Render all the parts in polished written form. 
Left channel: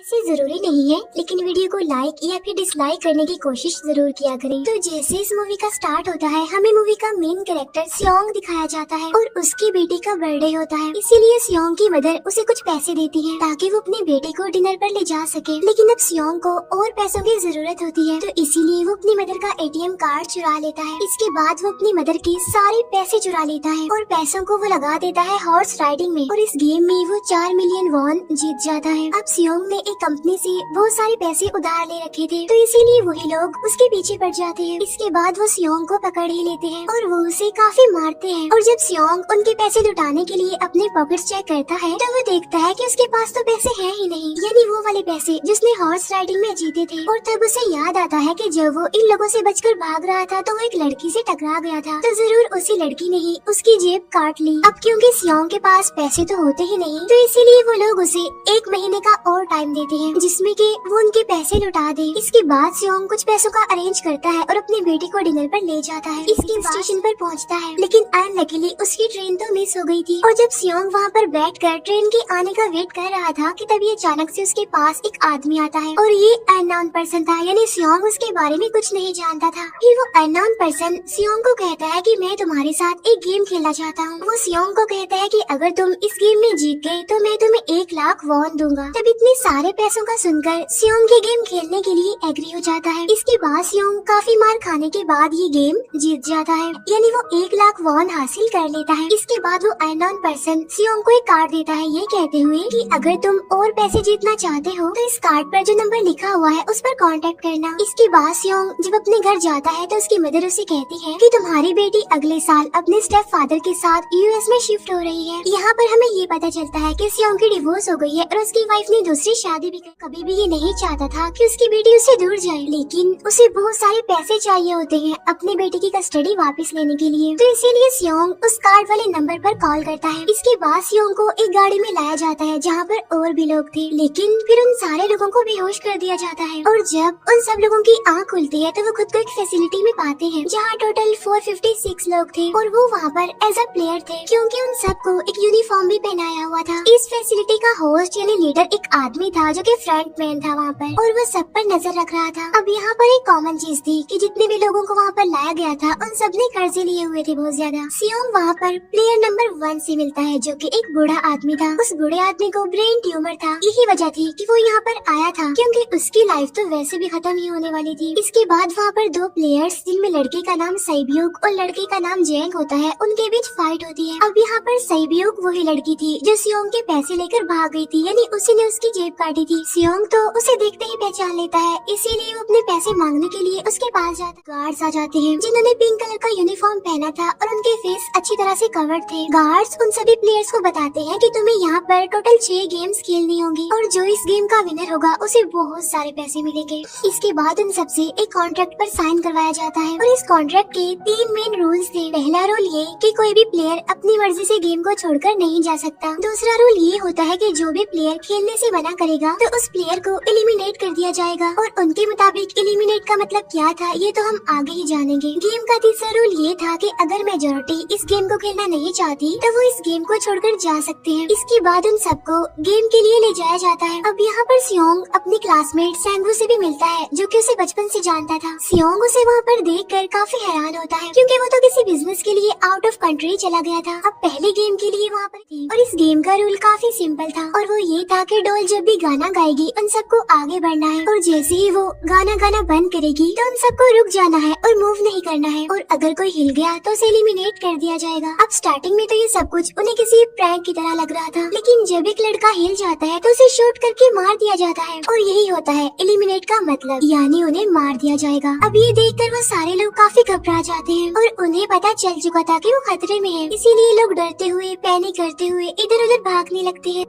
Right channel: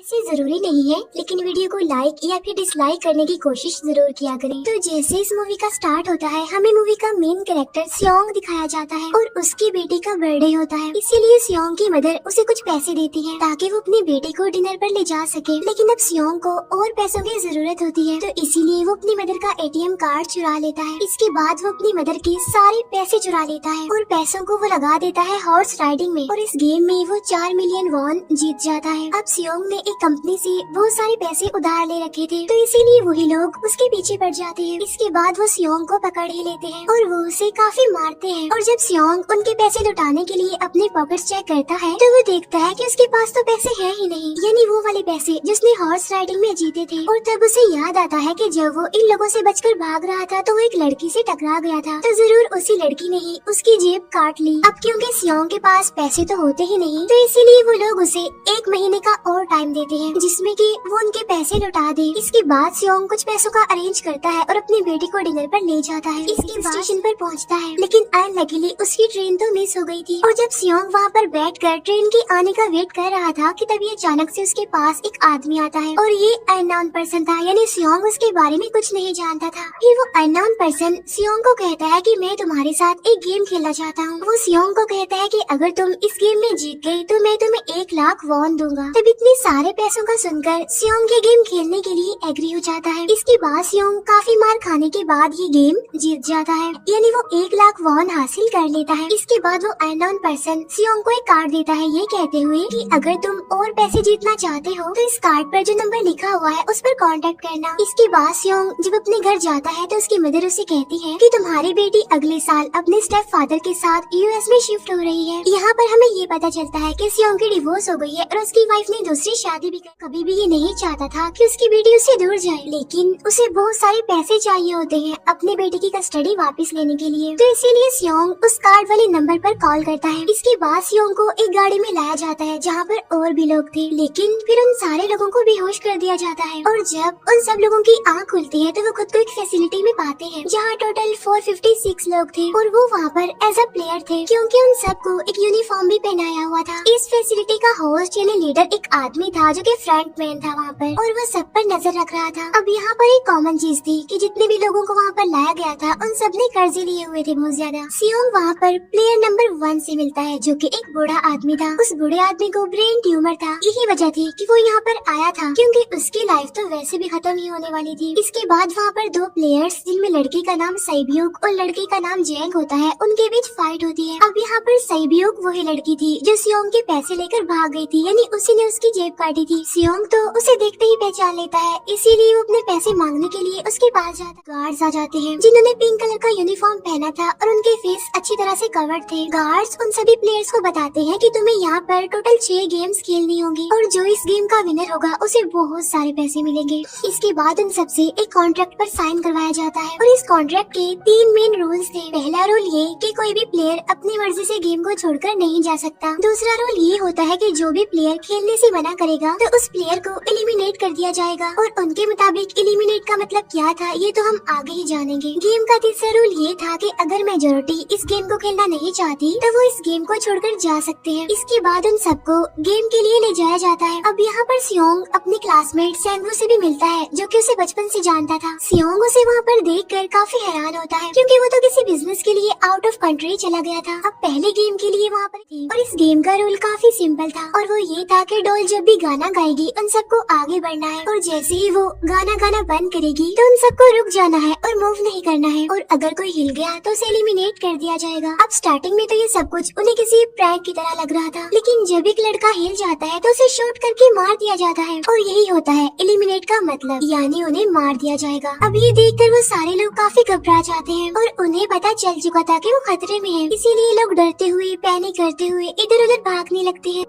इसे जरूरी नहीं है, लेकिन वीडियो को लाइक या फिर डिसलाइक करने की कोशिश जरूर किया करें। तो जैसे इस मूवी का स्टार्ट होता है, हमें मूवी का मेन कैरेक्टर सियोंग दिखाया जाता है और उसकी बेटी का बर्थडे होता है। इसीलिए सियोंग की मदर उसे कुछ पैसे देती है ताकि वो अपनी बेटी को डिनर पर ले जा सके। लेकिन अब सियोंग को और पैसों की जरूरत होती है, तो इसीलिए वो अपनी मदर का ATM कार्ड चुरा लेता है। इसके बाद वो अपनी मदर की सारे पैसे चुरा लेता है और पैसों को वो लगा देता है हॉर्स राइडिंग में, और इस गेम में वो 4 मिलियन वॉन जीत जाता है। अब सियोंग ने एक कंपनी से बहुत सारे पैसे उधार ले रखे थे, तो इसीलिए वही लोग उसके पीछे पड़ जाते हैं। इसके बाद वो सियोंग को पकड़ ही लेते हैं और वो उसे काफी मारते हैं। और जब सियोंग उनके पैसे लुटाने के लिए अपने पॉकेट्स चेक करता है, तो वो देखता है कि उसके पास तो पैसे हैं ही नहीं, यानी वो वाले पैसे जिसने हॉर्स राइडिंग में जीते थे। और तब उसे याद आता है कि जब वो इन लोगों से बचकर भाग रहा था तो वो एक लड़की से टकरा गया था, तो जरूर उसी लड़की ने ही उसकी जेब काट ली। अब क्योंकि सियोंग के पास पैसे तो होते ही नहीं, तो इसीलिए वो लोग उसे 1 महीने का और टाइम देते हैं जिसमें कि वो उनके पैसे लौटा दे। इसके बाद सियोंग कुछ पैसों का अरेंज करता है और अपनी बेटी को डिनर पर ले जाता है। इसके स्टेशन पर पहुंचता है, लेकिन अनलकीली उसकी ट्रेन तो मिस हो गई थी। और जब सियोंग वहां पर बैठकर ट्रेन के आने का वेट कर रहा था कि तभी अचानक से उसके पास एक आदमी आता है, और ये अननोन पर्सन था, यानी सियोंग उसके बारे में कुछ नहीं जानता था। फिर वो अननोन पर्सन सियोंग को कहता है कि मैं तुम्हारे साथ एक गेम खेलना चाहता हूँ। वो सियोंग को कहता है कि अगर तुम इस गेम में जीत गए तो मैं तुम्हें 1 लाख वॉन दूंगा। तब इतने सारे पैसों का सुनकर सियोंग ये गेम खेलने के लिए एग्री हो जाता है। इसके बाद सियोंग काफी मार खाने के बाद ये गेम जीत जाता है, यानी वो 1 लाख वॉन हासिल कर लेता है। इसके बाद वो अननोन पर्सन सियोंग को एक कार्ड देता है, ये कहते हुए कि अगर तुम और पैसे जीतना चाहते हो तो इस कार्ड पर जो नंबर लिखा हुआ है उस पर कांटेक्ट करना। इसके बाद सियोंग जब अपने घर जाता है तो उसकी मदर उसे कहती है कि तुम्हारी बेटी अगले साल अपने स्टेप फादर के साथ US में शिफ्ट हो रही है। यहाँ पर हमें ये पता चलता है कि सियोंग की डिवोर्स हो गई है और उसकी वाइफ ने दूसरी शादी भी की। कभी भी ये नहीं चाहता था कि उसकी बेटी उससे दूर जाए, लेकिन उसे बहुत सारे पैसे चाहिए होते हैं अपनी बेटी की कस्टडी वापस लेने के लिए, तो इसीलिए सियोंग उस कार्ड वाले नंबर पर कॉल करता है। इसके बाद सियोंग को एक गाड़ी में लाया जाता है जहाँ पर और भी लोग थे, लेकिन फिर उन सारे लोगों को बेहोश कर दिया जाता है। और जब उन सब लोगों की आँख खुलती है तो वो खुद को एक फैसिलिटी में पाते हैं जहाँ टोटल 456 लोग थे, और वो वहाँ पर एज अ प्लेयर थे क्योंकि उन सबको एक यूनिफॉर्म भी पहनाया हुआ था। इस फैसिलिटी का होस्ट यानी लीडर एक आदमी था जो कि फ्रंट मैन था वहाँ पर, और वो सब पर नजर रख रहा था। अब यहाँ पर एक कॉमन चीज थी कि जितने भी लोगों को वहाँ पर लाया गया था उन सब ने कर्जे लिए हुए थे बहुत ज्यादा। सियोंग वहाँ पर प्लेयर नंबर 1 से मिलता है जो कि एक बूढ़ा आदमी था। उस बूढ़े आदमी को ब्रेन ट्यूमर था, यही वजह थी कि वो यहाँ पर आया था क्योंकि उसकी लाइफ तो वैसे भी खत्म ही होने वाली थी। इसके बाद वहाँ पर 2 प्लेयर्स जिनमें लड़के का नाम सैब्यूक और लड़के का नाम जैक होता है, उनके बीच फाइट होती है। अब यहाँ पर सैब्यूक वही लड़की थी जो सियोंग के पैसे लेकर भाग गई थी, यानी उसी ने उसकी जेब काटी थी। सियोंग तो उसे देखते ही पहचान लेता है, इसीलिए वो अपने पैसे मांगने के लिए उसके पास जाता है। गार्ड्स आ जाते हैं जिन्होंने पिंक कलर का यूनिफॉर्म पहना था और उनके फेस अच्छी तरह से कवर्ड थे। गार्ड्स उन सभी प्लेयर्स को बताते हैं कि तुम्हें यहाँ पर टोटल 6 गेम्स खेलनी होगी और जो इस गेम का विनर होगा उसे बहुत सारे पैसे मिलेंगे। इसके बाद उन सबसे एक कॉन्ट्रैक्ट पर साइन करवाया जाता है, और इस कॉन्ट्रैक्ट के 3 मेन रूल्स थे। पहला रूल ये कि कोई भी प्लेयर अपनी मर्जी से गेम को छोड़कर नहीं जा सकता। दूसरा रूल ये होता है कि जो भी प्लेयर खेलने से मना करेगा तो उस प्लेयर को एलिमिनेट कर दिया जाएगा, और उनके मुताबिक एलिमिनेट का मतलब क्या था ये तो हम आगे ही जानेंगे। गेम का तीसरा रूल ये था कि अगर मेजोरिटी इस गेम को खेलना नहीं चाहती तो वो इस गेम को छोड़कर जा सकते हैं। इसके बाद उन सबको गेम के लिए ले जाया जाता है। अब यहाँ पर सियोंग अपनी क्लासमेट सैंगवू से भी मिलता है जो कि उसे बचपन से जानता था। सियोंग उसे वहाँ पर देखकर काफी हैरान होता है क्योंकि वो तो किसी बिजनेस के लिए आउट ऑफ कंट्री चला गया था, अब पहले गेम के लिए वहाँ पर थी। और इस गेम का रूल काफी सिंपल था, और वो ये था कि डॉल जब भी गाना गाएगी उन सबको आगे बढ़ना है, और जैसे ही वो गाना बंद करेगी तो उन सबको रुक जाना है और मूव नहीं करना है, और अगर कोई हिल गया तो उसे एलिमिनेट कर दिया जाएगा। अब स्टार्टिंग में तो ये सब कुछ उन्हें किसी प्रैंक की तरह लग रहा था, लेकिन जब एक लड़का हिल जाता है तो उसे शॉट करके मार दिया जाता है, और यही होता है एलिमिनेट का मतलब, यानी उन्हें मार दिया जाएगा। अब ये देखकर वो सारे लोग काफी घबरा जाते हैं और उन्हें पता चल चुका था कि वो खतरे में है, इसीलिए लोग डरते हुए पैनिक करते हुए इधर उधर भागने लगते हैं।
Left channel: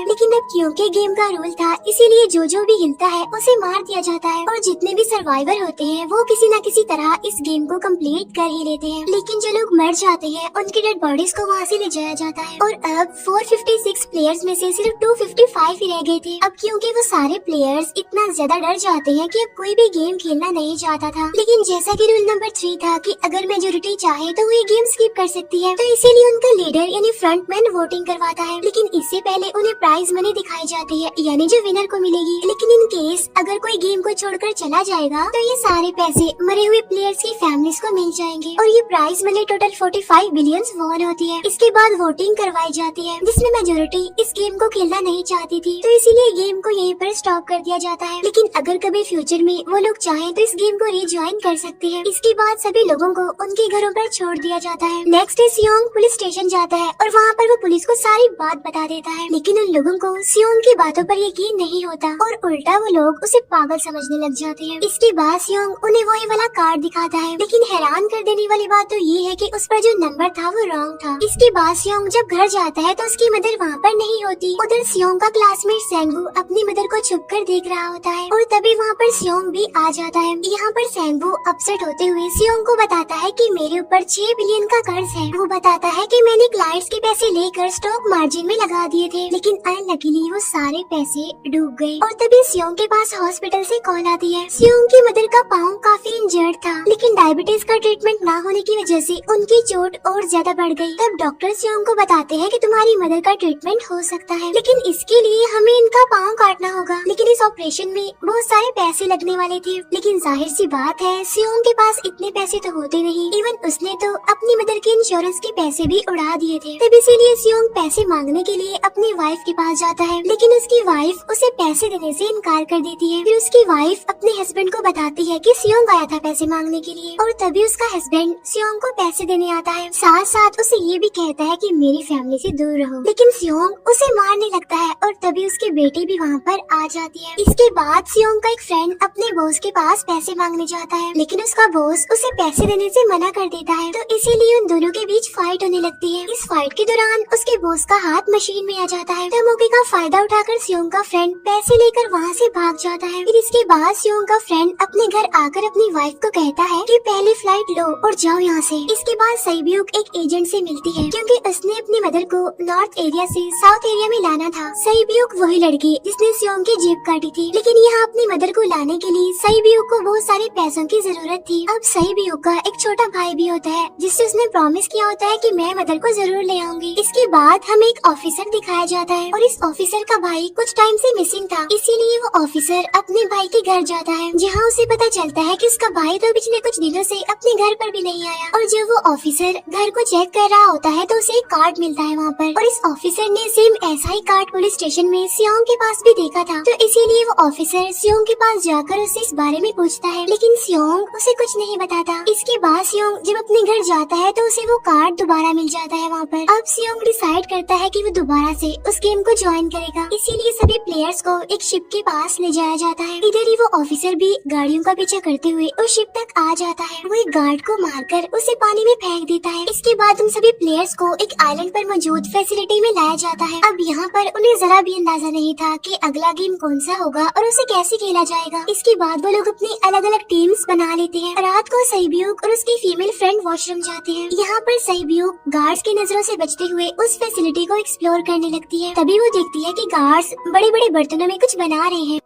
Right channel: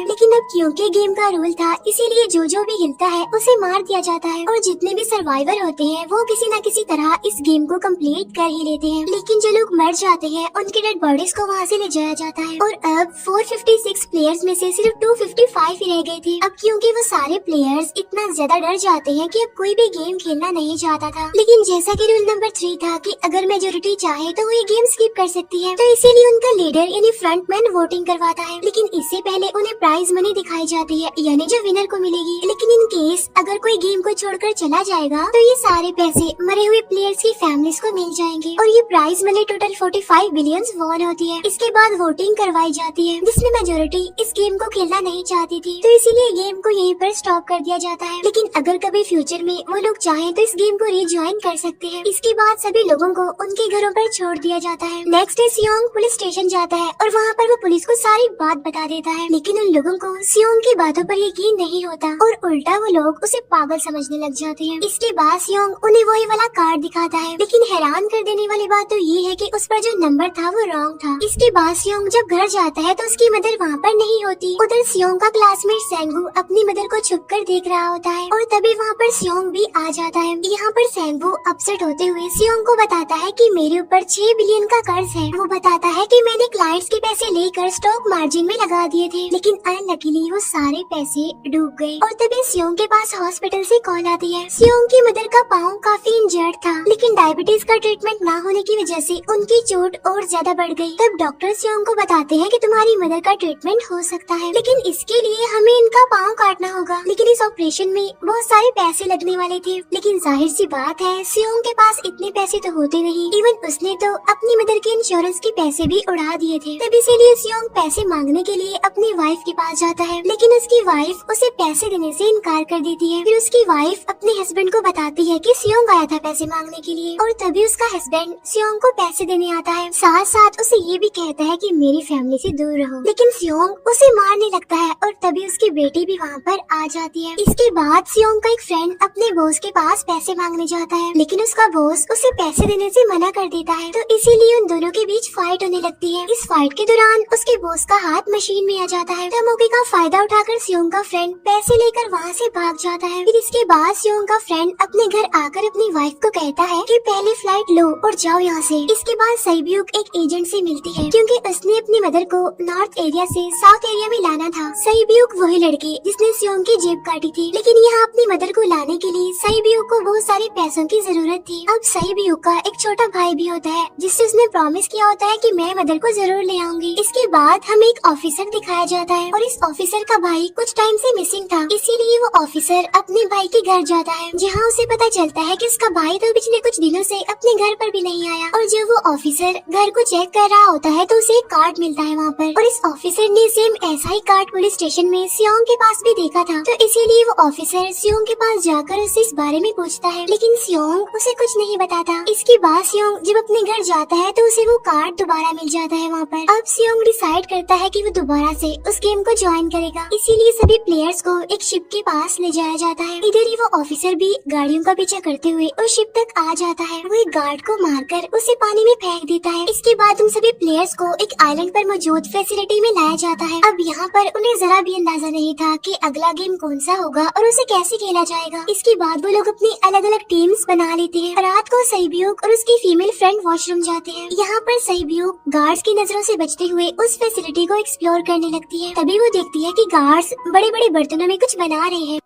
लेकिन अब क्योंकि गेम का रूल था इसीलिए जो भी हिलता है उसे मार दिया जाता है, और जितने भी सर्वाइवर होते हैं वो किसी न किसी तरह इस गेम को कंप्लीट कर ही लेते हैं। लेकिन जो लोग मर जाते हैं उनकी डेड बॉडीज को वहाँ से ले जाया जाता है, और अब 456 प्लेयर्स में से सिर्फ 255 ही रह गए थे। अब क्योंकि वो सारे प्लेयर्स इतना ज्यादा डर जाते हैं कि अब कोई भी गेम खेलना नहीं चाहता था। लेकिन जैसा कि रूल नंबर 3 था कि अगर मेजोरिटी चाहे तो वो ये गेम स्किप कर सकती है, तो इसीलिए उनका लीडर यानी फ्रंटमैन वोटिंग करवाता है। लेकिन इससे पहले उन्हें प्राइज मनी दिखाई जाती है, यानी जो विनर को मिलेगी। लेकिन इन केस अगर कोई गेम को छोड़कर चला जाएगा तो ये सारे पैसे मरे हुए प्लेयर्स की फैमिलीज को मिल जाएंगे। और ये prize money total 45 billion won होती है। इसके बाद वोटिंग करवाई जाती है, जिसमें मेजोरिटी इस गेम को खेलना नहीं चाहती थी, तो इसीलिए गेम को यहीं पर स्टॉप कर दिया जाता है। लेकिन अगर कभी फ्यूचर में वो लोग चाहें तो इस गेम को रिज्वाइन कर सकते हैं। इसके बाद सभी लोगों को उनके घरों पर छोड़ दिया जाता है। नेक्स्ट डे सियोंग पुलिस स्टेशन जाता है और वहाँ पर वो पुलिस को सारी बात बता देता है। लेकिन उन लोगों को सियोंग की बातों पर यकीन नहीं होता और उल्टा वो लोग उसे पागल समझने लग जाते हैं। इसके बाद सियोंग उन्हें वही वाला कार्ड दिखाता है, लेकिन हैरान कर देने वाली बात तो ये है कि उस पर जो नंबर था वो रॉन्ग था। इसके बाद सियोंग जब घर जाता है तो उसकी मदर वहाँ पर नहीं होती। उधर सियोंग का क्लासमेट सेंगू अपनी मदर को छुपकर देख रहा होता है और तभी वहाँ पर सियोंग भी आ जाता है। यहाँ पर सेंगू अपसेट होते हुए सियोंग को बताता है कि मेरे ऊपर 6 बिलियन का कर्ज है। वो बताता है कि मैंने क्लाइंट्स के पैसे लेकर स्टॉक मार्जिन में लगा दिए थे, लेकिन अनलकीली वो सारे पैसे डूब गए। और तभी सियोंग के पास हॉस्पिटल से कॉल आती है। सियोंग की मदर का पाँव काफी इंजर्ड था, लेकिन डायबिटीज का ट्रीटमेंट न होने की वजह से उनकी चोट और ज्यादा बढ़ गई। तब डॉक्टर सियोंग को बताते हैं कि तुम्हारी मदर का ट्रीटमेंट हो सकता है, लेकिन इसके लिए हमें इनका पाँव काटना होगा। लेकिन इस ऑपरेशन में बहुत सारे पैसे लगने वाले थे। लेकिन जाहिर सी बात है सियोंग के पास इतने पैसे तो होते नहीं। इवन उसने तो अपनी मदर के इंश्योरेंस के पैसे भी उड़ा दिए थे। तब इसीलिए सियोंग पैसे मांगने के लिए अपनी वाइफ के पास जाता है, लेकिन उसकी वाइफ उसे पैसे देने से इनकार कर देती है। फिर उसकी वाइफ अपने हस्बैंड को बताती है कि सियोंग आया था पैसे मांगने के लिए, और तभी उसका हस्बैंड सियोंग को पैसे देने आता है। साथ साथ उसे ये भी कहता है कि मेरी फैमिली से दूर रहो। लेकिन सियोंग उसे मारने लगता है और तभी उसकी बेटी भी वहाँ पर आ जाती है। इसके बाद सियोंग का एक फ्रेंड अपने बॉस के पास पैसे मांगने जाता है, लेकिन उसका बॉस उसे पैसे देने से मना कर देता है। तो इसीलिए उन दोनों के बीच फाइट होने लगती है। इस फाइट के दौरान उसके बॉस का हाथ मशीन में आ जाता है। तब मौके का फायदा उठाकर सियोंग का फ्रेंड पैसे लेकर वहाँ से भाग जाता है। फिर इसके बाद सियोंग का फ्रेंड अपने घर आकर अपनी वाइफ को कहता है कि पहले फ्लाइट लो और जाओ यहाँ से। इसके बाद सईब्यूक एक एजेंट से मिलती है, क्योंकि उसने अपनी मदर को नॉर्थ एरिया से साउथ एरिया में लाना था। सईब्यूक वही लड़की जिसने सियोंग की जेब काटी थी, लेकिन यहाँ अपनी मदर को लाने के लिए सईब्यूक को बहुत सारे पैसों की जरूरत थी। अब सईब्यूक का एक छोटा भाई भी होता है, जिससे उसने प्रॉमिस किया होता है कि मैं मदर को जरूर ले आऊंगी। इसके बाद हमें एक ऑफिसर दिखाया जाता है और इस ऑफिसर का भाई कुछ टाइम से मिसिंग था, इसीलिए वो ऑफिसर अपने भाई के घर जाता है, जहाँ उसे पता चलता है कि उसका भाई तो पिछले कुछ दिनों से अपने घर पर भी नहीं आया। और जब वो ऑफिसर घर को चेक कर रहा होता है तो उसे एक कार्ड मिलता है वहाँ पर, और इस ऑफिसर ने सेम ऐसा ही कार्ड पुलिस स्टेशन में सियोंग के पास भी देखा था। तो इसीलिए वो ऑफिसर सियोंग के पास जाकर उससे इस बारे में पूछता है, लेकिन सियोंग उसे कुछ नहीं बताता। इसके बाद सियोंग जब अपने घर जाता है तो उसे वो कार्ड दोबारा मिल जाता है वहाँ पर। अब सियोंग डिसाइड करता है कि वो दोबारा से उस गेम को ज्वाइन करेगा, इसीलिए सभी प्लेयर्स को एक शिप के पास ले जाया जाता है। इधर ही वो ऑफिसर भी गाड़ियों का पीछा करते हुए उस शिप तक आ जाता है। वो एक गार्ड को मारकर उसे पानी में फेंक देता है। इसके बाद उन सभी प्लेयर्स को एक आइलैंड पर मौजूद फैसिलिटी में लाया जाता है। अब यहाँ पर उन्हें जरा भी अंदाजा नहीं था कि अगला गेम कौन सा होगा और उसे कैसे खेला जाएगा। इसके बाद वो लोग अपनी अलग अलग टीम्स बना लेते हैं। रात को सईब्यूक और उसकी फीमेल फ्रेंड वॉशरूम जाते हैं। यहाँ पर सईब्यूक गार्ड्स की नजरों से बचते हुए उस फैसिलिटी को एक्सप्लोर करने लगती है। तभी वो देखती है कि गार्ड्स बड़े बड़े बर्तनों में कुछ बना रहे हैं,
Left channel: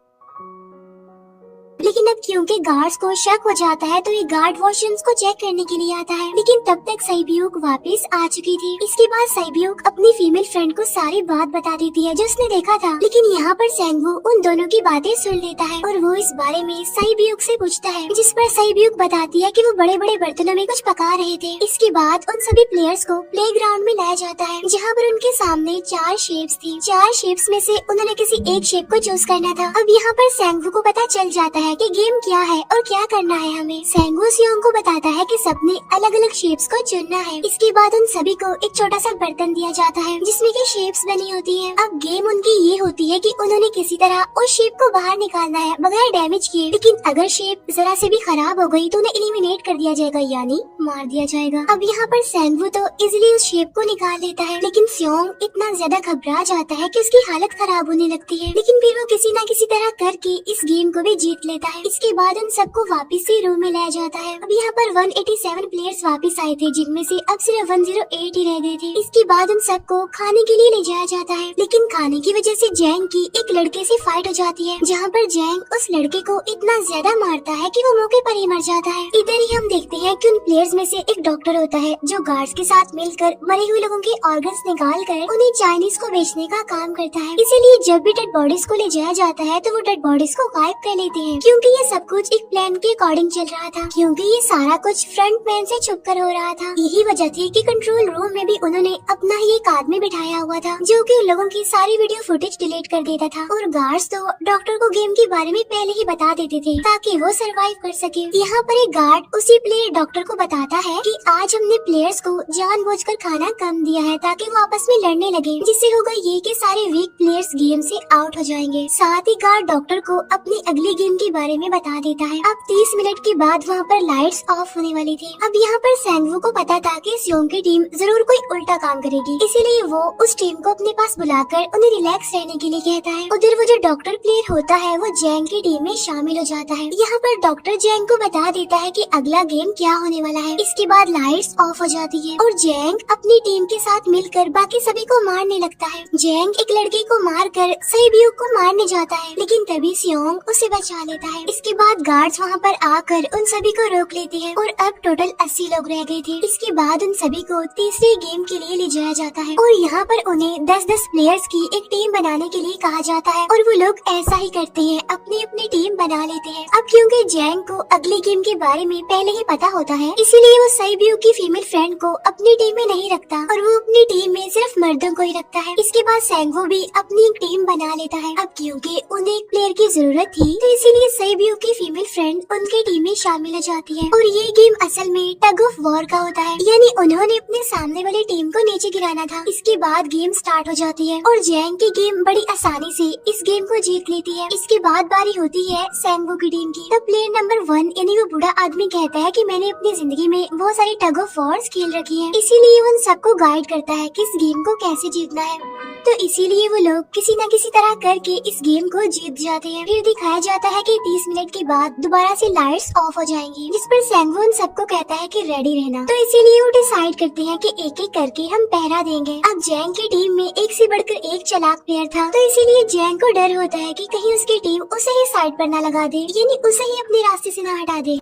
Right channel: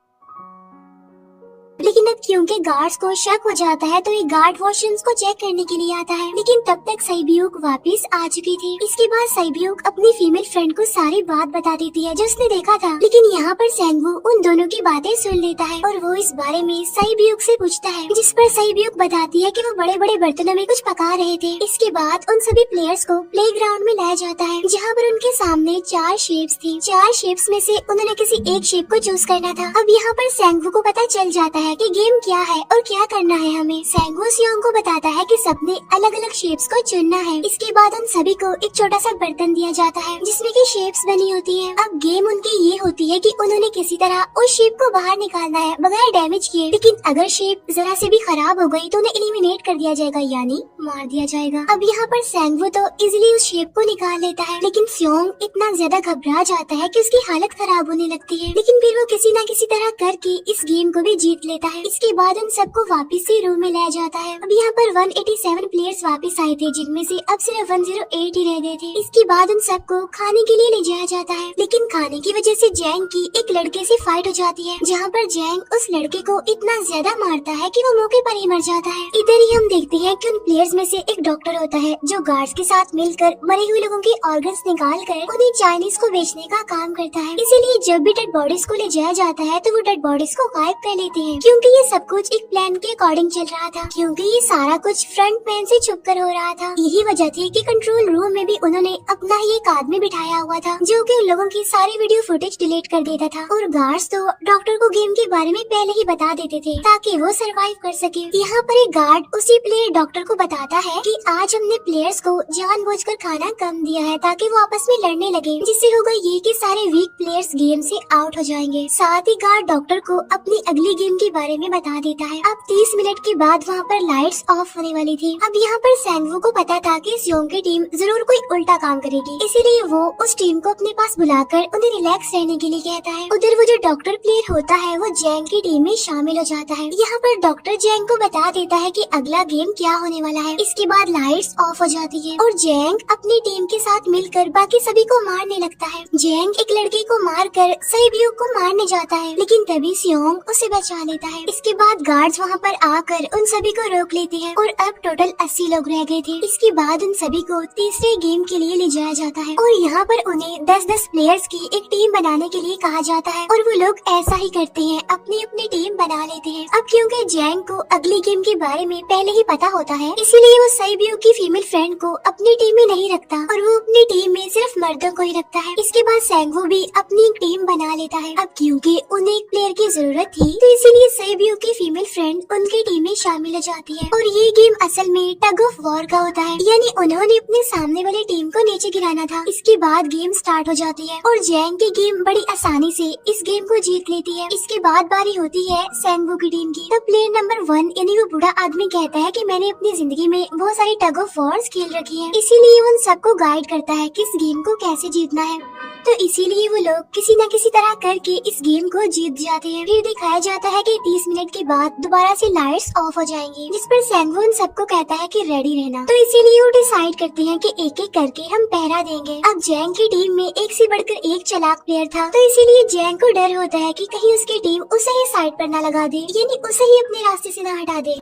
लेकिन अब क्योंकि गार्ड्स को शक हो जाता है तो ये गार्ड वॉशरूम्स को चेक करने के लिए आता है। लेकिन तब तक सईब्यूक वापस आ चुकी थी। इसके बाद सईब्यूक अपनी फीमेल फ्रेंड को सारी बात बता देती है जो उसने देखा था, लेकिन यहाँ पर सेंगू उन दोनों की बातें सुन लेता है और वो इस बारे में सईब्यूक से पूछता है, जिस पर सईब्यूक बताती है कि वो बड़े बड़े बर्तनों में कुछ पका रहे थे। इसके बाद उन सभी प्लेयर्स को प्ले ग्राउंड में लाया जाता है, जहाँ पर उनके सामने 4 शेप्स थी। 4 शेप्स में से उन्होंने किसी एक शेप को चूज करना था। अब यहाँ पर सेंगू को पता चल जाता है कि गेम क्या है और क्या करना है हमें। सेंगू सियोंग को बताता है कि सबने अलग अलग शेप्स को चुनना है। इसके बाद उन सभी को एक छोटा सा बर्तन दिया जाता है जिसमें की शेप्स बनी होती है। अब गेम उनकी ये होती है कि उन्होंने किसी तरह उस शेप को बाहर निकालना है बगैर डैमेज किए, लेकिन अगर शेप जरा से भी खराब हो गई तो उन्हें एलिमिनेट कर दिया जाएगा, यानी मार दिया जाएगा। अब यहाँ पर सेंगू तो इजिली उस शेप को निकाल लेता है, लेकिन सियोंग इतना ज्यादा घबरा जाता है कि उसकी हालत खराब होने लगती है। लेकिन फिर वो किसी न किसी तरह करके इस गेम को भी जीत लेता देता है। इसके बाद उन सबको वापस से रूम में लाया जाता है। अब यहाँ पर 187 प्लेयर्स वापस आए थे, जिनमें से अब सिर्फ 108 ही रह गए थे। इसके बाद उन सबको खाने के लिए ले जाया जाता है, लेकिन खाने की वजह से जैंग की एक लड़के से फाइट हो जाती है, जहाँ पर जैंग उस लड़के को इतना ज्यादा मारता है कि वो मौके पर ही मर जाता है। इधर ही हम देखते हैं कि उन प्लेयर्स में से एक डॉक्टर होता है जो गार्ड्स के साथ मिलकर मरे हुए लोगों के ऑर्गन्स निकाल कर उन्हें चाइनीज को बेचने का काम करता है। इसीलिए जब भी डेड बॉडीज को ले जाया जाता है तो वो डेड बॉडीज को गायब कर लेते हैं, क्योंकि ये सब कुछ एक प्लान के अकॉर्डिंग चल रहा था, क्योंकि ये सारा कुछ फ्रंट मैन से छुप कर हो रहा था। यही वजह थी कि कंट्रोल रूम में भी उन्होंने अपना ही एक आदमी बिठाया हुआ था, जो कि लोगों की सारी वीडियो फुटेज डिलीट कर देता था। और गार्ड्स तो डॉक्टर को गेम के बारे में पहले ही बता देते थे ताकि वो सरवाइव कर सके। यहाँ पर एक गार्ड उसी प्लेयर डॉक्टर को बताता है कि आज हमने प्लेयर्स को जानबूझकर खाना कम दिया है ताकि वो आपस में लड़ने लगे, जिससे होगा ये कि सारे वीक प्लेयर्स गेम से आउट हो जाएंगे। साथ ही गार्ड डॉक्टर को अपनी अगली गेम के बारे में बता देता है। अब 30 मिनट के बाद वहाँ पर लाइट्स ऑफ होने वाली थी। अब यहाँ पर सैंगवू को पता था कि सियोंग की टीम जरूर कोई उल्टा काम करेगी, इसीलिए वो उस टीम को अपने पास बुलाकर उन्हें रिलैक्स रहने के लिए कहता है। उधर वो जो डॉक्टर प्लेयर होता है वो जैंग की टीम में शामिल हो जाता है। यहाँ पर डॉक्टर जैंग को बता देता है कि अगला गेम क्या होने वाला है। इसके बाद लाइट्स ऑफ हो जाती है और जैंग अपनी टीम के साथ मिलकर बाकी सभी को मारने लगता है। जैंग एक लड़के को मारकर सैब्यू को मारने जाता है, लेकिन तभी सियोंग उसे बचा लेता है। इसके बाद गार्ड्स वहाँ पर आकर उन सभी को रोक लेते हैं और अब टोटल 80 लोग रह गए थे। इसके बाद उन सभी को तीसरे गेम के लिए ले जाया जाता है और यहाँ पर उन्हें 10-10 प्लेयर्स की एक टीम बनाने के लिए कहा जाता है और वो लोग ऐसा ही करते हैं, अपनी अपनी टीम बना लेते हैं। अब क्योंकि जैंग को अगले गेम के बारे में पहले ही पता होता है, इसलिए वो सैब्यू की फीमेल फ्रेंड को अपनी टीम में नहीं रखता और वो अपनी टीम में सिर्फ मर्दों को ही रखता है। इसके बाद सैंगवू भी अपनी एक टीम बना लेता है। अब क्योंकि उन्हें एक प्लेयर की जरूरत थी, तो इसीलिए सैब्यू की फीमेल फ्रेंड उनकी टीम में शामिल हो जाती है और ये गेम असल में टग ऑफ वॉर का होता है, यानी उन्होंने अपने सामने वाली टीम को नीचे गिराना था। इसके बाद गेम स्टार्ट हो जाती है और जैंग की गेम बड़ी आसानी से इस गेम को जीत लेती है। इसके बाद बारी होती है सैंगवू की टीम की। तो प्लेयर नंबर 1 यानी वो बूढ़ा आदमी कहता है कि मैंने अपनी जिंदगी में बहुत सारी टग ऑफ वॉर्स खेल रखी है, इसीलिए उन सबको गाइड करता है कि इस गेम को कैसे जीतना है। तो इसीलिए वो लोग किसी न किसी तरह करके इस गेम को जीत जाते हैं। फिर दिखाया जाता है कि 30 मिनट के बाद दोबारा से लाइट्स ऑफ हो जाएंगी, जिस पर सैंगवू उन सबको कहता है कि रेडी रहना। तो इसीलिए वो डिसाइड करते हैं कि एक एक करके हम पहरा देंगे। अब जैंग की टीम में एक से बढ़कर एक चालाक प्लेयर था, तो इसीलिए जैंग को डर होता है कि कहीं उसकी टीम उसे ही साइड पर न लगा दे, यानी उसे ही अपने रास्ते से न हटा दे।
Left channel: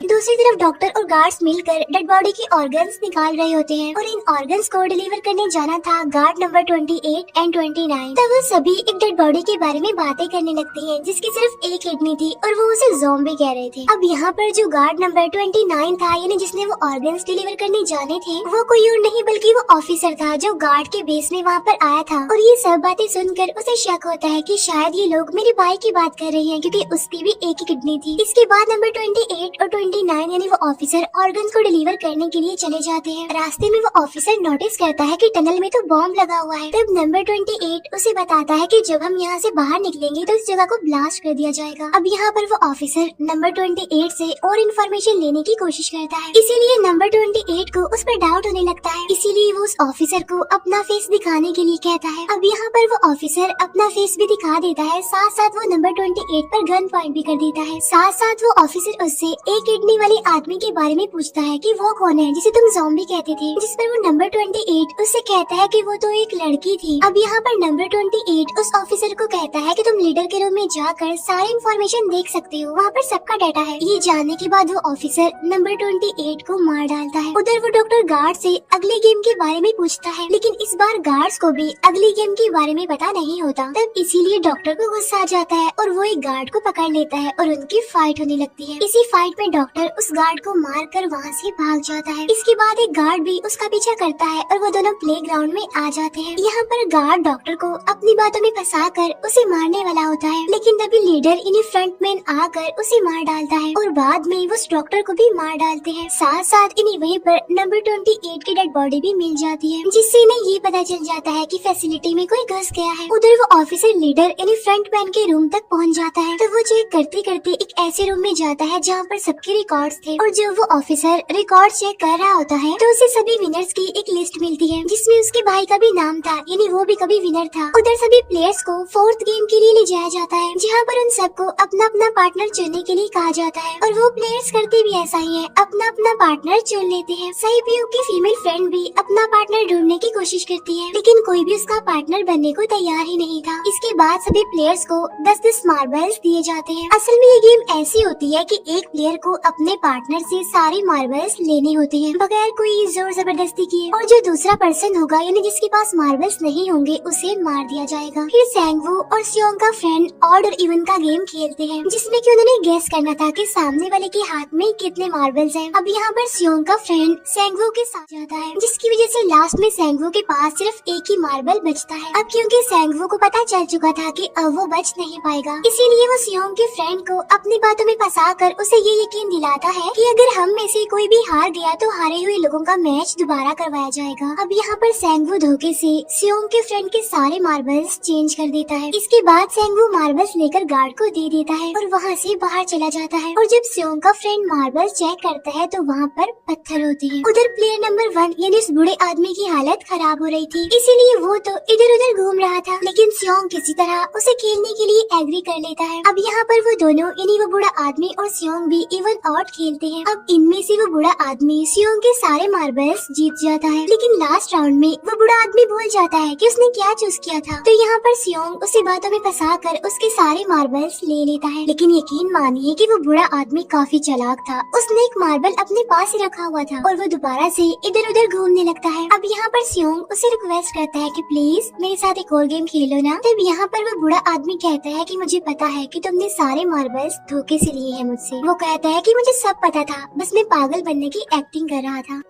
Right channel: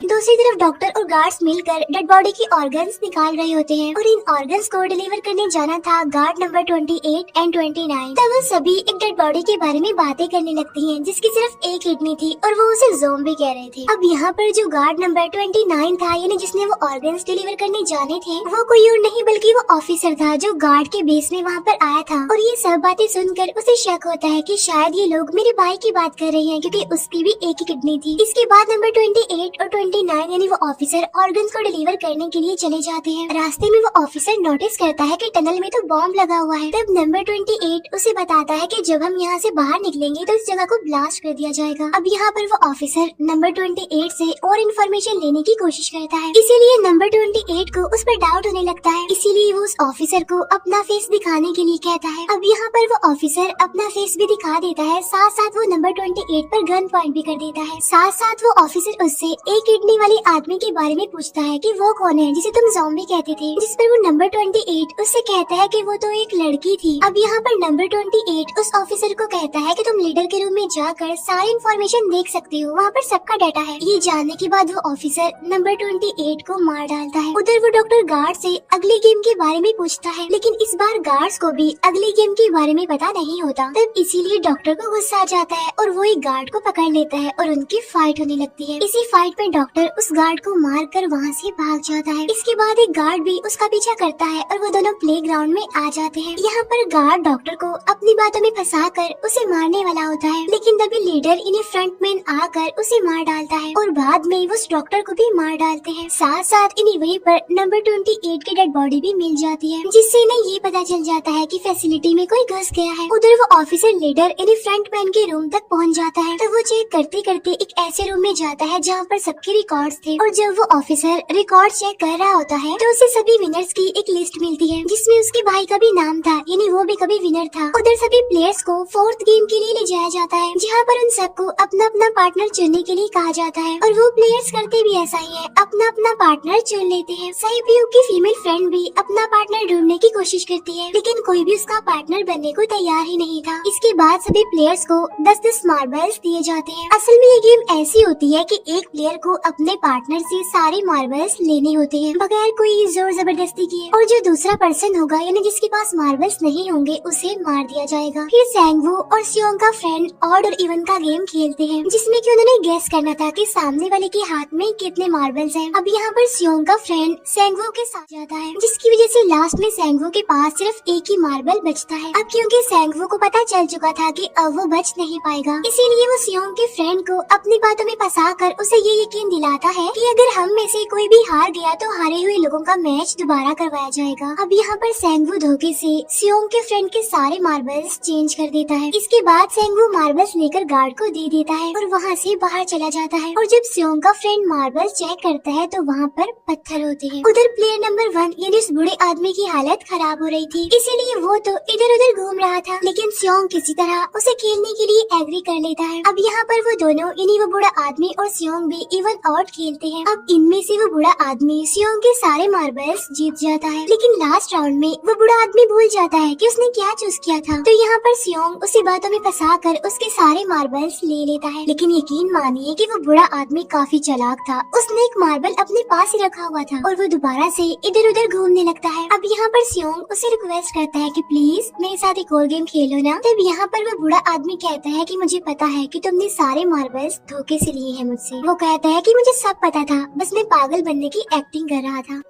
दूसरी तरफ डॉक्टर और गार्ड्स मिलकर डेड बॉडी की ऑर्गन्स निकाल रहे होते हैं और इन ऑर्गन्स को डिलीवर करने जाना था गार्ड नंबर 28 एंड 29। तब वो सभी एक डेड बॉडी के बारे में बातें करने लगती हैं, जिसकी सिर्फ एक किडनी थी और वो उसे ज़ॉम्बी कह रहे थे। अब यहाँ पर जो गार्ड नंबर 29 था, यानी जिसने वो ऑर्गन्स डिलीवर करने जाने थे, वो कोई और नहीं बल्कि वो ऑफिसर था जो गार्ड के बेस में वहाँ पर आया था। और ये सब बातें सुनकर उसे शक होता है कि शायद ये लोग मेरे भाई की बात कर रहे हैं, क्योंकि उसकी भी एक ही किडनी थी। इसके बाद नंबर 28 और 29 यानी वो ऑफिसर ऑर्गन्स को डिलीवर करने के लिए चले जाते हैं। रास्ते में वो ऑफिसर नोटिस करता है कि टनल में तो बॉम्ब लगा हुआ है। तब नंबर 28 उसे बताता है कि जब हम यहाँ से बाहर निकलेंगे तो इस जगह को ब्लास्ट कर दिया जाएगा। अब यहाँ पर वो ऑफिसर नंबर 28 से और इन्फॉर्मेशन लेने की कोशिश करता है, इसीलिए नंबर 28 को उस पर डाउट होने लगता है। इसीलिए वो उस ऑफिसर को अपना फेस दिखाने के लिए कहता है। अब यहाँ पर वो ऑफिसर अपना फेस भी दिखा देता है, साथ साथ वो नंबर 28 पर गन पॉइंट भी कर देता है। साथ साथ वो ऑफिसर उससे एक किडनी वाले आदमी के बारे में पूछता है कि वो कौन है जिसे तुम ज़ॉम्बी कहते थे, जिस पर वो नंबर 28 उससे कहता है कि वो तो एक लड़की थी। अब यहाँ पर नंबर 28 उस ऑफिसर को कहता है कि तुम लीडर के रूम में जाकर सारी इन्फॉर्मेशन देख सकती हो, वहाँ पर सबका डाटा है। ये जानने के बाद वो ऑफिसर नंबर 28 को मार डालता है। उधर वो डॉक्टर गार्ड से अगले गेम के बारे में पूछता है, लेकिन इस बार गार्ड्स को भी अगले गेम के बारे में पता नहीं होता। तब इसीलिए डॉक्टर को गुस्सा आ जाता है और वो एक गार्ड को पकड़ लेता है और उनकी फाइट होने लगती है। इसी फाइट में डॉक्टर उस गार्ड को मारकर वहाँ से भाग जाता है। इसके बाद एक गार्ड भी उसका पीछा करता है और वो दोनों प्लेग्राउंड में आ जाते हैं। यहाँ पर गार्ड डॉक्टर को अपनी बातों में फंसाकर उसे मारने वाला होता है, लेकिन तभी लीडर इन्हें फ्रंटमैन आकर उसे मार डालता है और बाद में वो उस डॉक्टर को भी मार डालते हैं। साथ साथ इन्हें वहीं पर नंबर 28 की डेड बॉडी भी मिल जाती है, जिससे इन्हें ये पता चल जाता है कि फैसिलिटी में कोई घुस गया है। उधर वो ऑफिसर लीडर इन्हें फ्रंटमैन के रूम तक पहुँच जाता है। तो वो चेक करते करते एक ऐसे रूम में जाता है जहाँ पर सबके रिकॉर्ड्स थे और जब वो ऑफिसर रिकॉर्ड चेक कर रहा होता है तो उसे सभी विनर्स की एक लिस्ट मिलती है जिसमें उसके भाई का भी नाम था, यानी वो भी कभी विनर था। उधर सभी प्लेयर्स को फोर्थ गेम के लिए ले जाया जाता है जहाँ पर उन सबको अपना अपना पार्टनर चुनने के लिए कहा जाता है और वो प्लेयर्स करते भी ऐसा ही है, अपना अपना पार्टनर चुन लेते हैं। सही पीयू की फीमेल फ्रेंड भी अपना पार्टनर ढूंढने की कोशिश करती है लेकिन कोई भी उसका पार्टनर बनने को तैयार ही नहीं था। इसके बाद सभी प्लेयर्स को 10-10 मार्बल्स दिए जाते हैं। असल में ये गेम ऐसी होती है कि एक प्लेयर को अपने पार्टनर से सारे मार्बल्स लेने होते हैं बगैर कोई जोर जबरदस्ती किए, और जो दूसरा पर्सन होगा यानी जिसके पास मार्बल्स नहीं होंगे उसे मार दिया जाएगा। फिर सैंगवू और सियोंग का फ्रेंड ऑड और इवन का गेम खेलते हैं जिसमें कि उन्होंने गेस करना था कि सामने वाले के हाथ में कितने मार्बल्स हैं। अब यहाँ पर सियोंग का फ्रेंड सैंगवू के साथ जाता है जिसकी वजह से लास्ट में सैंगवू के पास सिर्फ एक ही मार्बल बचता है। अब क्योंकि सैंगवू को पता चल चुका था कि अब वो बच नहीं पाएगा, इसीलिए वो सियोंग के फ्रेंड को अपनी बातों में फंसा कर उसे ये यकीन दिलाता है कि अगर हम में से कोई भी हार गया तो हारे हुए लोगों का मैच दोबारा करवाया जाएगा। अब यहाँ पर सैंगवू धोखे से सियोंग के फ्रेंड के सारे मार्बल्स चेंज कर देता है। इसके बाद सैंगवू मार्बल्स लेकर गार्ड को दे देता है और वहाँ से बाहर चला जाता है। और जब सियोंग का फ्रेंड मार्बल्स चेक करता है तो वहाँ पर पत्थर होते हैं। उधर प्लेयर नंबर 1 यानी उस बूढ़े आदमी की हालत खराब हो रही थी, इसीलिए वो तो इधर उधर घूम रहा था, लेकिन सियोंग किसी तरह उसे खेलने के लिए एग्री कर लेता है। अब यहाँ पर वो दोनों यानी वो बूढ़ा आदमी और सियोंग भी इवन आउट खेलते हैं। अब इनमें से वो बूढ़ा आदमी सियोंग के सारे मार्बल्स जीत जाता है, लेकिन लास्ट राउंड में वो बूढ़ा आदमी भूल जाता है कि उसने क्या चूज किया था। तो यहाँ पर सियोंग उसे बातों में फंसा कर उसके सारे मार्बल्स ले लेता है, लेकिन यकीन मानिए कि वो बूढ़ा आदमी काफी चालाक था। उसने एक मार्बल अपने पास ही रखा हुआ था और वो दोबारा से इधर उधर घूमने लगता है। अब यहाँ पर सियोंग उसे रिक्वेस्ट करता है कि प्लीज मेरे साथ एक और गेम खेलो ना। तब यहाँ पर वो बूढ़ा आदमी कहता है कि मुझे पता है कि तुमने सारे मार्बल्स धोखे से लिए हैं मुझसे। वो कहता है कि मुझे सब पता था, बस मैं पागल बनने की एक्टिंग कर रहा था।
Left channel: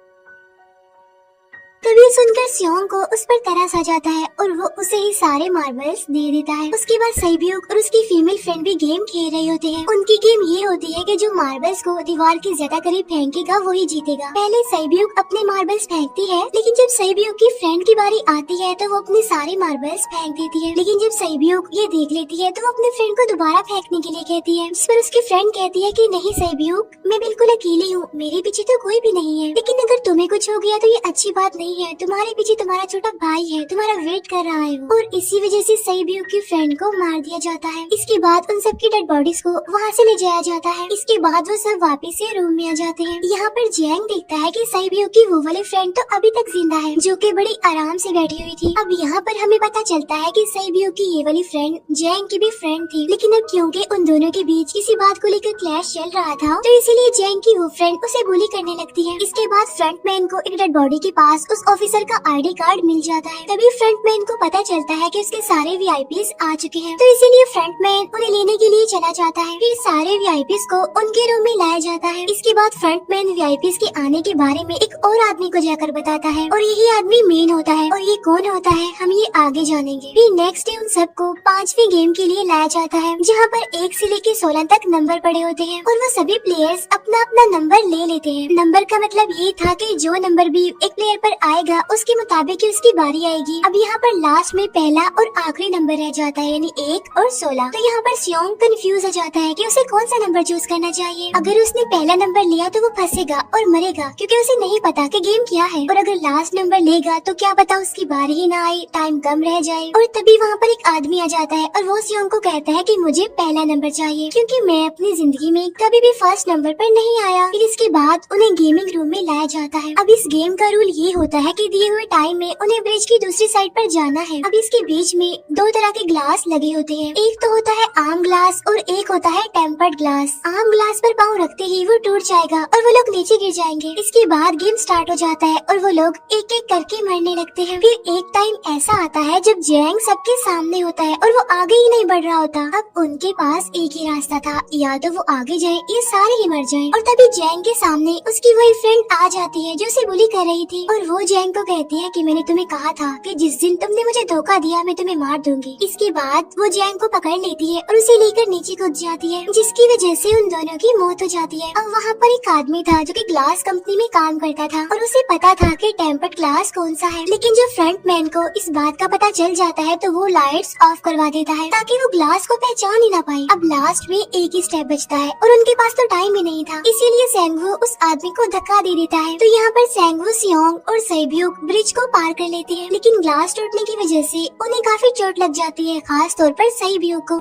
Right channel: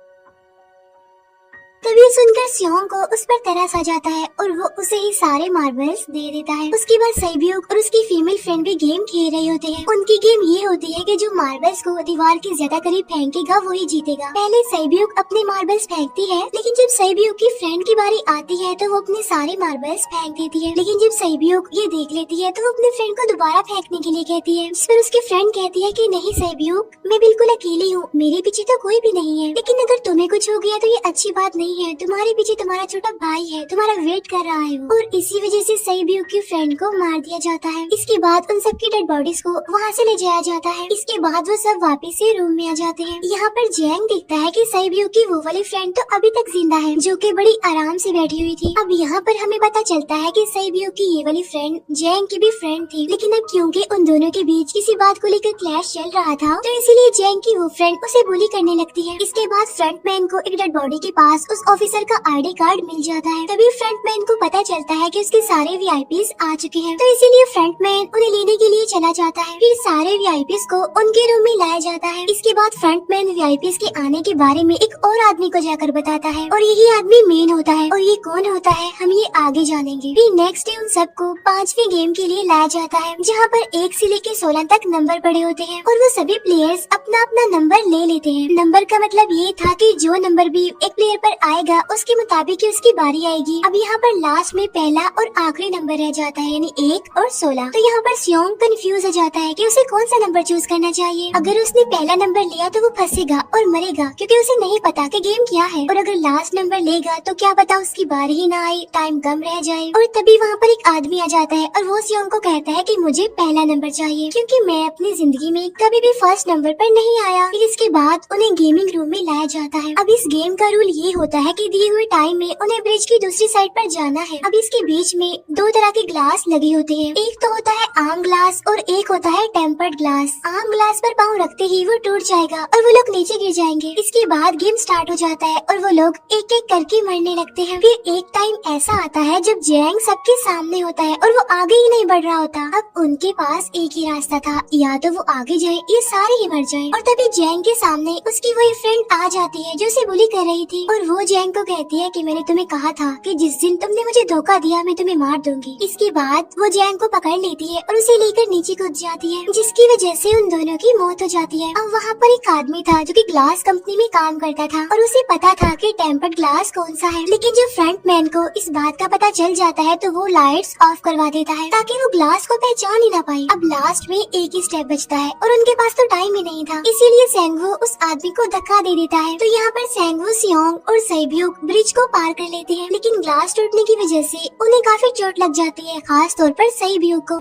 तभी सुनकर सियोंग को उस पर तरस आ जाता है और वो उसे ही सारे मार्बल्स दे देता है। उसके बाद सैब्यूक और उसकी फीमेल फ्रेंड भी गेम खेल रहे होते हैं। उनकी गेम ये होती है कि जो मार्बल्स को दीवार के ज्यादा करीब फेंकेगा वही जीतेगा। पहले सैब्यूक अपने मार्बल्स फेंकती है, लेकिन जब सैब्यूक की फ्रेंड की बारी आती है तो वो अपने सारे मार्बल्स फेंक देती है। लेकिन जब सैब्यूक ये देख लेती है तो वो अपने फ्रेंड को दोबारा फेंकने के लिए कहती है, जिस पर उसकी फ्रेंड कहती है कि नहीं सैब्यूक, मैं बिल्कुल अकेली हूँ, मेरे पीछे तो कोई भी नहीं है, लेकिन अगर तुम्हें कुछ हो गया तो ये अच्छी बात नहीं है, तुम्हारे पीछे तुम्हारा छोटा भाई है, तुम्हारा वेट कर रहा है। और इसी वजह से सैब्यूक की फ्रेंड को मार दिया जाता है। इसके बाद उन सबकी डेड बॉडीज को वहाँ से ले जाया जाता है। इसके बाद वो सब वापस से रूम में आ जाते हैं। यहाँ पर जैंग देखता है कि सैब्यूक की वो वाली फ्रेंड तो अभी तक जिंदा है, जो कि बड़ी आराम से बैठी हुई थी। अब यहाँ पर हमें पता चलता है कि सैब्यूक की ये वाली फ्रेंड जैंग की भी फ्रेंड थी, लेकिन अब क्योंकि उन दोनों के बीच किसी बात को लेकर क्लैश चल रहा था तो इसीलिए जैंग की वो फ्रेंड उसे बुली करने लगती है। इसके बाद फ्रंटमैन को एक डेड बॉडी के पास उस ऑफिसर का आईडी कार्ड मिल जाता है। तभी फ्रंटमैन को पता चलता है कि उसके सारे वीआईपीज आ चुके हैं, तो इसीलिए फ्रंटमैन उन्हें लेने के लिए चला जाता है। फिर सारे वीआईपीज को उनके रूम में लाया जाता है। इसके बाद फ्रंटमैन वीआईपीज के आने के बारे में एक और आदमी को जाकर बताता है और यही आदमी मेन होता है। और ये कौन होता है हम ये आगे जानेंगे। फिर नेक्स्ट डे उन सबको 5वें गेम के लिए लाया जाता है, जहाँ पर 1 से लेकर 16 तक नंबर पड़े होते हैं और वो सभी प्लेयर्स अपना अपना नंबर ले लेते हैं। नंबर का मतलब ये था कि जो नंबर भी एक प्लेयर पर आएगा उसके मुताबिक उसकी बारी आएगी। अब यहाँ पर लास्ट में पहला और आखिरी नंबर रह जाता है, यानी 1 और 16। तो यहाँ पर सियोंग कंफ्यूज हो जाता है कि उसे कौन सा नंबर चूज करना चाहिए। अगर उसने पहला नंबर लिया तो वो फंसेगा और मरेगा, क्योंकि उसे नहीं पता कि गेम क्या है। और अगर लास्ट नंबर लेगा तो क्या पता उसकी बारी ही ना आए, टाइम कम रह जाए। और तभी वहाँ पर एक आदमी आ जाता है और वो सियोंग को कहता है कि मुझे पहला नंबर चाहिए, क्योंकि मैं अपनी जिंदगी में कभी भी फर्स्ट नंबर पर नहीं आया। फिर इसके बाद उन्हें गेमिंग रूम में लाया जाता है। अब इस गेम का रूल ये होता है कि दिए हुए टाइम में उन्हें ब्रिज की दूसरी साइड पर जाना है। अब इसके बीच में 2 तरह के ग्लास लगे होते हैं, एक तो होता है आम ग्लास और एक होता है टेम्पर्ड ग्लास। आम ग्लास पर पाँव रखते ही वो टूट जाएगा और वो लोग नीचे गिर जाएंगे। इसके बाद गेम स्टार्ट हो जाता है और वो लोग एक एक करके मरने लगते हैं। फिर एक टाइम ऐसा आता है जब जैंग सबके सामने होता है और वो आगे ही नहीं बढ़ रहा होता। अब उनके पास एक ही रास्ता था, या तो वो आगे जाए या सारे ही मर जाए। और तभी जैंग के सामने उसकी वही फ्रेंड आ जाती है जो उसे बुली कर रही थी और वो जैंग को कहती है कि मैंने तुम्हें कहा था कि जिस दिन तुमने मुझे धोखा दिया मैं तुम्हें मार दूंगी। इसके बाद वो जैंग को पकड़ लेती है और उसे लेकर नीचे कूद जाती है, जिसकी वजह से उन दोनों की मौत हो जाती है। अब वहाँ पर एक आदमी था जो कि ग्लास कंपनी में काम करता था और उसे पता था कि टेम्पर्ड ग्लास कौन सा है, लेकिन जब फ्रंटमैन को इस बात का पता चल जाता है तो वो लाइट्स ऑफ करवा देता है ताकि वो ग्लास को पहचान ही ना पाए। अब लास्ट में एक ही स्टेप बचता है और उनके पास तो टाइम ही नहीं था, इसीलिए सैंगवू उस आदमी को धक्का दे देता है। तो यहाँ पर सैंगवू सियोंग और सेब्यूक ब्रिज को पार कर लेते हैं, लेकिन ग्लास टूटने की वजह से उन्हें काफी चोट लग जाती है, खास तौर पर सेब्यूक को।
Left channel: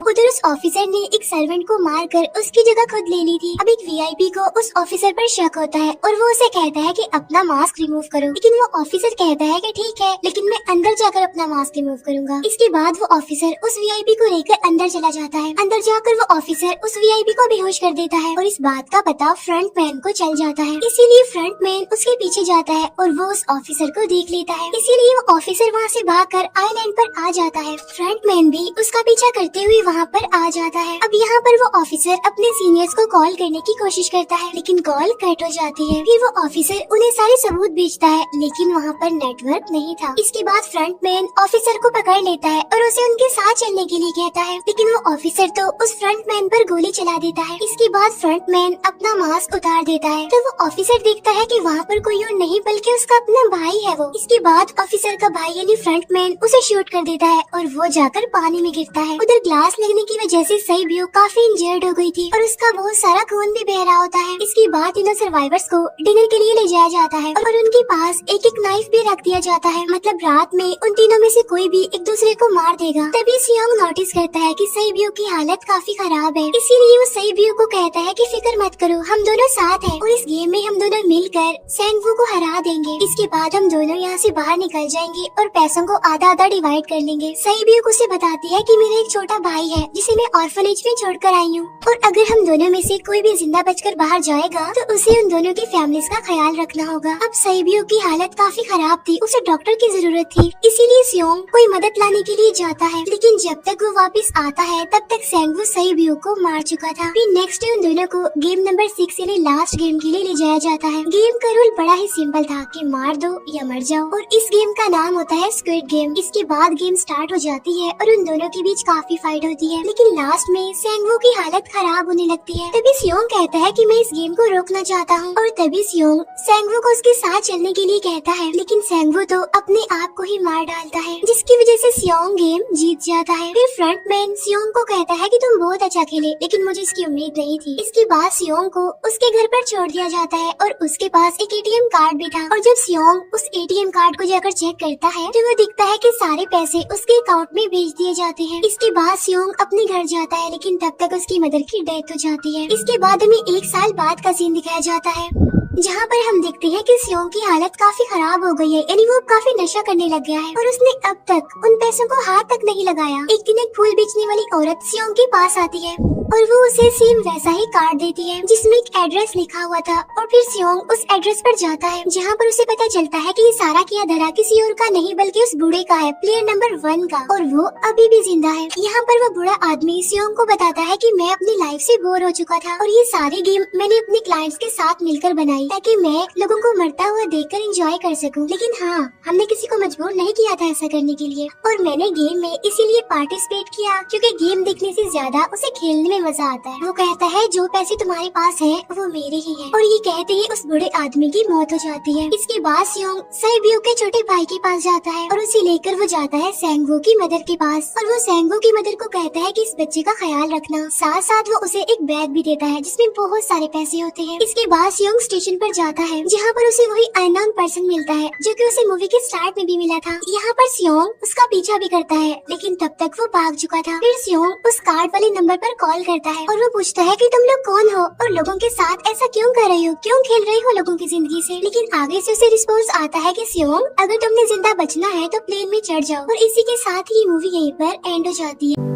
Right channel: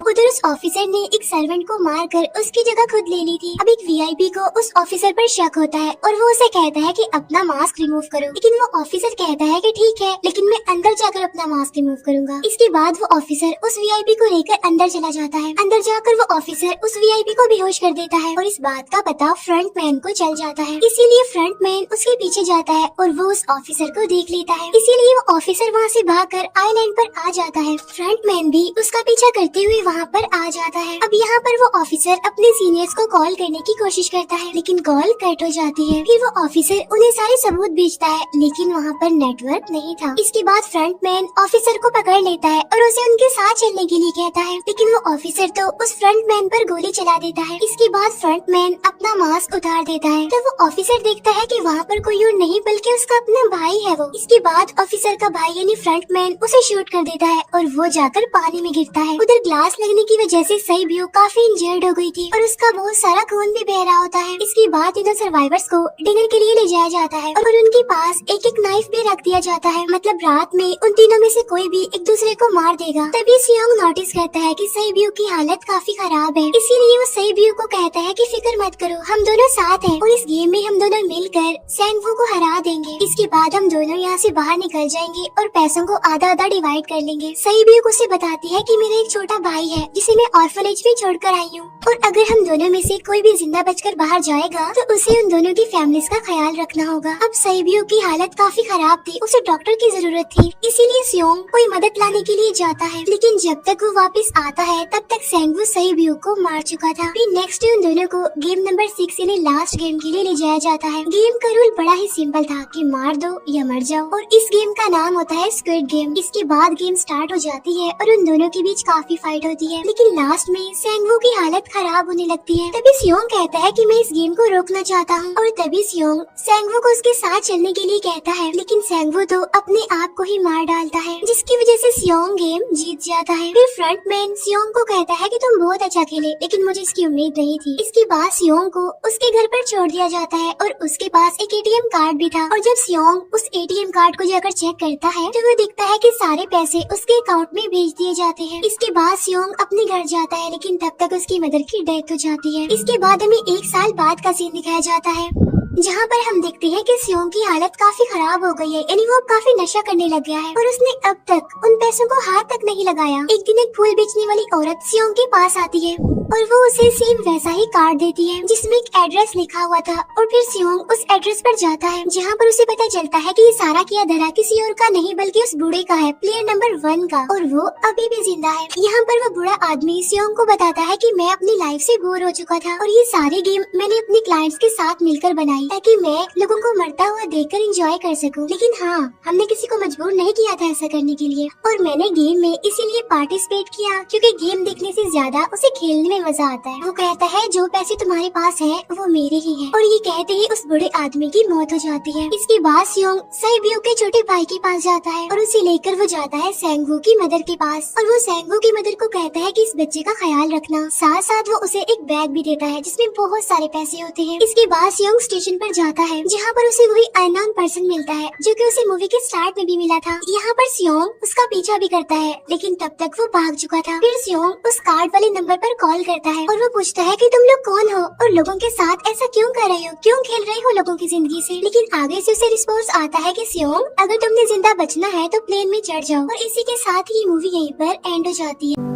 उधर उस ऑफिसर ने एक सर्वेंट को मारकर उसकी जगह खुद ले ली थी। अब एक वीआईपी को उस ऑफिसर पर शक होता है और वो उसे कहता है कि अपना मास्क रिमूव करो, लेकिन वो ऑफिसर कहता है कि ठीक है, लेकिन मैं अंदर जाकर अपना मास्क रिमूव करूंगा। इसके बाद वो ऑफिसर उस वीआईपी को लेकर अंदर चला जाता है। अंदर जाकर वो ऑफिसर उस वीआईपी को बेहोश कर देता है और इस बात का पता फ्रंट मैन को चल जाता है। इसीलिए फ्रंट मैन उसके पीछे जाता है और वो उस ऑफिसर को देख लेता है। इसीलिए वो ऑफिसर वहाँ से भागकर आइलैंड पर आ जाता है। फ्रंट मैन भी उसका पीछा करते हुए वहाँ पर आ जाता है। अब यहाँ पर वो ऑफिसर अपने सीनियर्स को कॉल करने की कोशिश करता है, लेकिन कॉल कट हो जाती है। फिर वो ऑफिसर उन्हें सारे सबूत भेजता है, लेकिन वहाँ पर नेटवर्क नहीं था। इसके बाद फ्रंट मैन ऑफिसर को पकड़ लेता है और उसे उनके साथ चलने के लिए कहता है, लेकिन वो ऑफिसर तो उस फ्रंट मैन पर गोली चला देता है। इसके बाद फ्रंट मैन अपना मास्क उतार देता है, तो वो ऑफिसर देखता है कि वहाँ पर कोई और नहीं बल्कि उसका अपना भाई है वो। इसके बाद ऑफिसर का भाई यानी फ्रंट मैन उसे शूट कर देता है और वो जाकर पानी में गिरता है। उधर ग्लास लगने की वजह से सेब्यूक काफी इंजर्ड हो गई थी और उसका बहुत सारा खून भी बह रहा होता है। इसके बाद तीनों सर्वाइवर्स को डिनर के लिए ले जाया जाता है और उनके पास एक एक नाइफ भी रख दिया जाता है, मतलब रात में उन तीनों में से कोई भी एक दूसरे को मार देगा। तभी सियोंग नोटिस करता है कि सेब्यूक की हालत काफी खराब है, इसीलिए वो सेब्यूक को कहता है कि फिक्र मत करो, हम दोनों साथ हैं और इस गेम में हम दोनों मिलकर सेंगवू को हरा देंगे। इसके बाद हम दोनों यहाँ से बाहर निकल जाएंगे और पैसों को आधा आधा डिवाइड कर लेंगे। सेब्यूक उसे बताती है कि मेरा एक छोटा भाई है जिसे मैं ऑर्फनेज में छोड़कर आई हूँ, और अगर हम दोनों में से कोई भी जिंदा बचकर बाहर जाएगा तो उसे उन दोनों की फैमिलीज का ख्याल रखना होगा। अब सेब्यूक की हालत काफी खराब थी, उसे डॉक्टर की जरूरत थी, इसीलिए सियोंग कोई मदद लाने के लिए जाता है, लेकिन जब तक वो वापस आता है तब तक सेंगवू सेब्यूक को मार चुका था। फिर नेक्स्ट डे उन दोनों को गेम नंबर 6 यानी लास्ट गेम के लिए ले जाया जाता है। गेम का रूल बड़ा ही सिंपल था कि मार दो या मर जाओ, और इस गेम का नाम होता है स्क्विड गेम। इसके बाद गेम स्टार्ट हो जाती है और उन दोनों के बीच काफी फाइट होती है, लेकिन लास्ट में सेंगवू की हालत खराब होने लगती है। तभी सियोंग कहता है कि मैं इस गेम को रोकना चाहता हूँ, और तभी सियोंग सेंगवू को उसके साथ चलने के लिए कहता है, लेकिन सेंगवू तो अपने आप को ही मार डालता है, जिसकी वजह से सियोंग गेम जीत जाता है। फिर फ्रंट मैन सियोंग को कहता है कि तुम बहुत अच्छा खेले, लेकिन मुझे इसकी उम्मीद नहीं थी। इसके बाद सियोंग को उसके घर पर छोड़ दिया जाता है और उसके पास एक एटीएम कार्ड भी था, और जब सियोंग उस एटीएम कार्ड को जाकर चेक करता है तो वो दिखता है कि सारे पैसे उसके अकाउंट में भेज दिए जाते हैं। इसके बाद सियोंग अपने घर जाता है, लेकिन तब तक उसकी मदर की डेथ हो जाती है। इसके बाद हमें 1 साल बाद का सीन दिखाया जाता है, जहाँ पर हम देखते हैं कि सियोंग की हालत काफी खराब हो गई है, यानी वो काफी नशा करने लग गया है और उसने अब तक उन पैसों को हाथ तक नहीं लगाया। एक दिन एक फूल बेचने वाली औरत सियोंग के पास आती है और वो उसे सेम वैसा ही कार्ड देती है जिसमें एक एड्रेस लिखा हुआ था, और फिर सियोंग उस एड्रेस पर जाता है, जहाँ पर उसे पता चलता है कि ये सारा किया धरा किसी और का नहीं बल्कि उस बूढ़े का है, प्लेयर नंबर 1 का, और वो अभी भी जिंदा है। यहाँ पर वो बूढ़ा आदमी सियोंग को बताता है कि मैं अपनी लाइफ से बोर हो चुका था और ये सारी गेम मैंने अपने क्लाइंट्स के साथ मिलकर बनाई ताकि मैं लोगों को मरता हुआ देखकर एंजॉय कर सकूं, लेकिन हाँ, हमने किसी को मजबूर नहीं किया था ऐसा करने के लिए, और मैंने गेम में इसीलिए पार्टिसिपेट किया क्योंकि गेम देखने से ज्यादा उसे खेलने में मजा आता है। वो कहता है जो पैसे तुम्हारे पास है वो मेरे ही है, और ये कहते ही उस बूढ़े आदमी की मौत हो जाती है। इसके बाद सियोंग सेब्यूक के छोटे भाई के पास जाता है और उसे लेकर वो जाता है सेंगवू की मदर के पास, और वो सेंगवू की मदर को कहता है कि इस बच्चे का ख्याल रखना। साथ साथ वो उसे एक बैग भी देता है जिसमें बहुत सारे पैसे होते हैं। इसके बाद सियोंग स्टेशन पर जाता है, जहाँ पर उसे वही अननोन पर्सन मिलता है जो कि उसे मूवी के स्टार्ट में भी मिला था। यहाँ पर सियोंग उसका पीछा भी करता है, लेकिन तब तक वो भाग चुका था। फिर सियोंग उस कार्ड वाले नंबर पर कॉल करता है और वो पूछता है कि तुम लोग कौन हो और लोगों के साथ ऐसा क्यों कर रहे हो, क्यों खेल रहे हो लोगों की जिंदगी से। लेकिन आगे से उसे रिस्पॉन्स आता है कि सियोंग, अगर तुमने जिंदा बचना है तो प्लेन में चढ़ जाओ, और इसी के साथ ही मूवी यहीं पर एंड हो जाती है।